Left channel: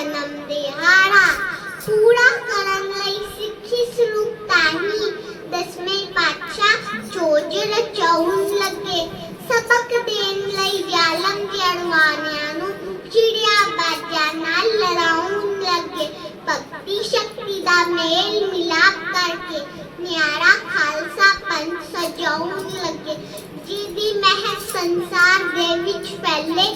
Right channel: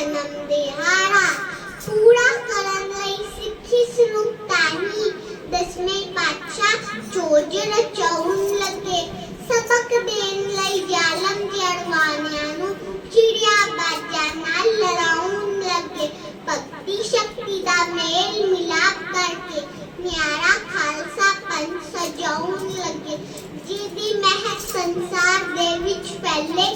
ਜਨਮ ਦਿਹਾੜਾ ਪੂਰਾ ਕਰਨ ਲਈ ਸਿੱਖੀ ਸਰੂਪ ਤਾਹੀ ਦਸਵੇਂ ਪਾਤਸ਼ਾਹ ਚੋਜ ਰਚਾਉਣ ਲੱਗੇ ਸਬਕ ਦੇਣ ਲਈ ਜ਼ਾਲਮ ਜੜਵਾਨਿਆਂ ਨੂੰ ਚਿੜਿਆ ਬਾਜਾਂ ਨਾਲ ਲੜਾਉਣ ਲੱਗੇ ਭਗਤੀ ਸ਼ਕਤੀ ਦਾ ਮੇਲ ਮਿਲਾਪ ਕਰਕੇ ਨਿਆਰਾ ਖਾਲਸਾ ਪੰਥ ਸਜਾਉਣ ਲੱਗੇ ਜਿਹਦੀ ਮਹਿਕ ਸੰਸਾਰ ਦੇ ਵਿੱਚ ਫੈਲੇ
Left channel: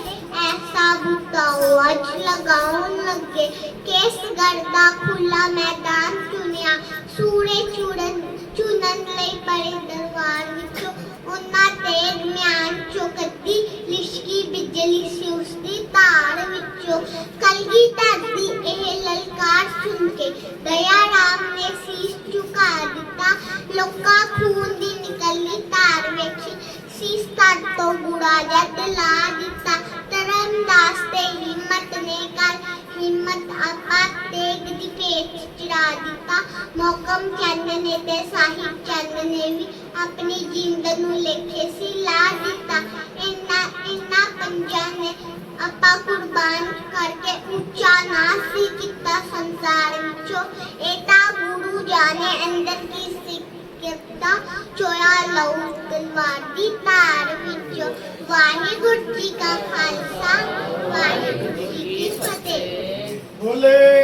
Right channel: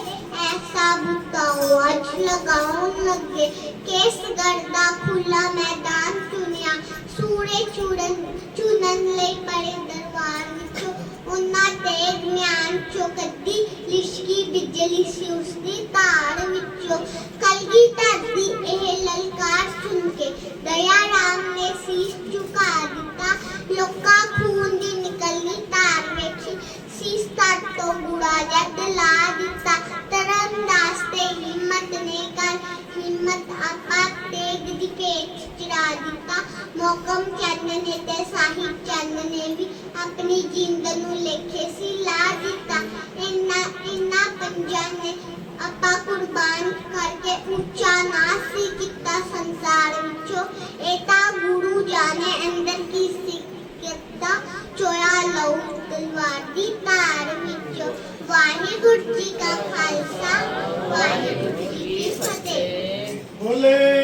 ਐਸਾ ਬੂਟਾ ਉਹ ਅੱਜ ਲਗਾਉਣ ਲੱਗੇ ਕੇਸਗੜ੍ਹ ਦਾ ਖੁੱਲਾ ਮੈਦਾਨ ਚੁਣਿਆ ਸੂਰੇ ਚੂੜਨ ਚੁਣਨ ਲਈ ਬੜੇ ਦਰਬਾਰ ਵਿੱਚੋਂ ਉਹਨਾਂ ਤੇ ਮਿਆਨ ਚੋਂ ਕੱਢੀ ਲਿਸ਼ਕੀ ਬਿਜਲੀ ਸੀ ਉਸਦੀ ਧਾਰ ਵਿੱਚੋਂ ਕਲਗੀ ਧਰਦੀ ਇਹ ਲਲਕਾਰ ਸੁਣ ਕੇ ਦਇਆ ਰਾਮ ਨੇ ਸੀਸ ਝੁਕਾ ਦਿੱਤਾ ਲੋਕਾਂ ਜੱਟ ਲਾ ਦਿੱਤਾ ਤਰਨਦਾਸ ਤੇ ਹਿੰਮਤ ਨੇ ਕਰ ਹਿੰਮਤ ਆਪਾ ਤੇਗ ਦੀ ਭੇਟ ਚੜਾ ਦਿੱਤਾ ਮੋਕਮ ਚੰਦ ਨੇ ਤੇ ਸਾਹਿਬ ਚੰਦ ਨੇ ਵੀ ਆਪਣੀ ਜਿੰਦ ਨੂੰ ਲੇਖੇ ਸੀ ਲਾ ਦਿੱਤਾ ਇੰਨਾ ਇੰਨਾ ਪੰਜਾਂ ਨੇ ਆਪਾਂ ਕੁਰਬਾਨ ਕਰਕੇ ਉੱਚਾ ਨਾ ਸੀ ਕੀਤਾ ਸੰਸਾਰ ਵਿੱਚੋਂ ਇਹ ਤਾਂ ਗੁਰੂ ਜਾਣੇ ਅੰਦਰ ਕੀ ਸਿੱਖਤਾ ਚੋਇਆ ਲਊ, ਤਲਵਾਰ ਦੀ ਧਾਰ ਵਿੱਚੋਂ। ਵਾਹਿਗੁਰੂ ਜੀ ਕਾ ਖਾਲਸਾ, ਵਾਹਿਗੁਰੂ ਜੀ ਕੀ ਫਤਿਹ। ਬੋਲੇ।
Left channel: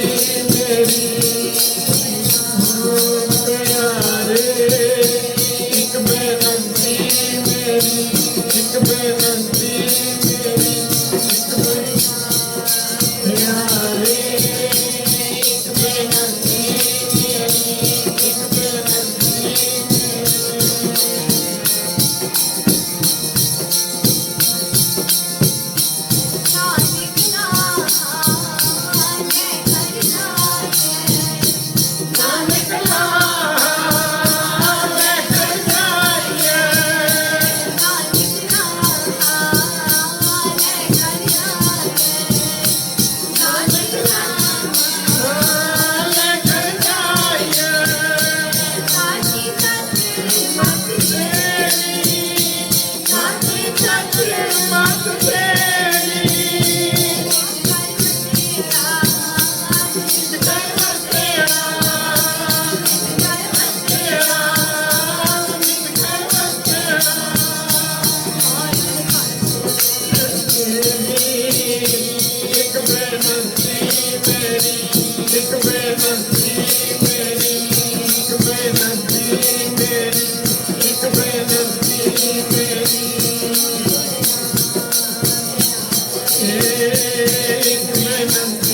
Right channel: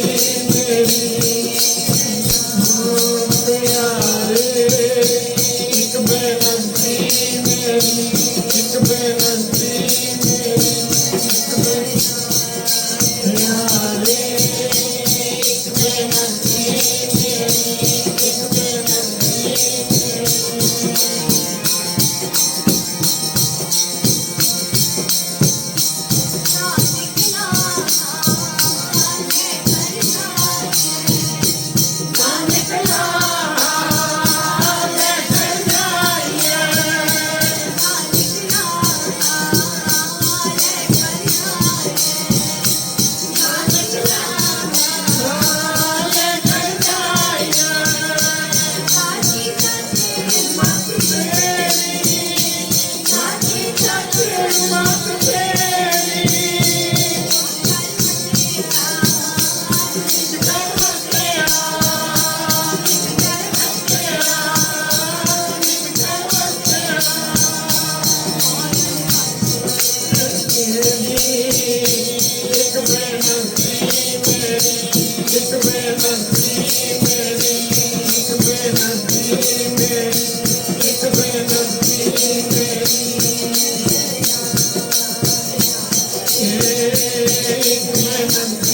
ਇੱਕ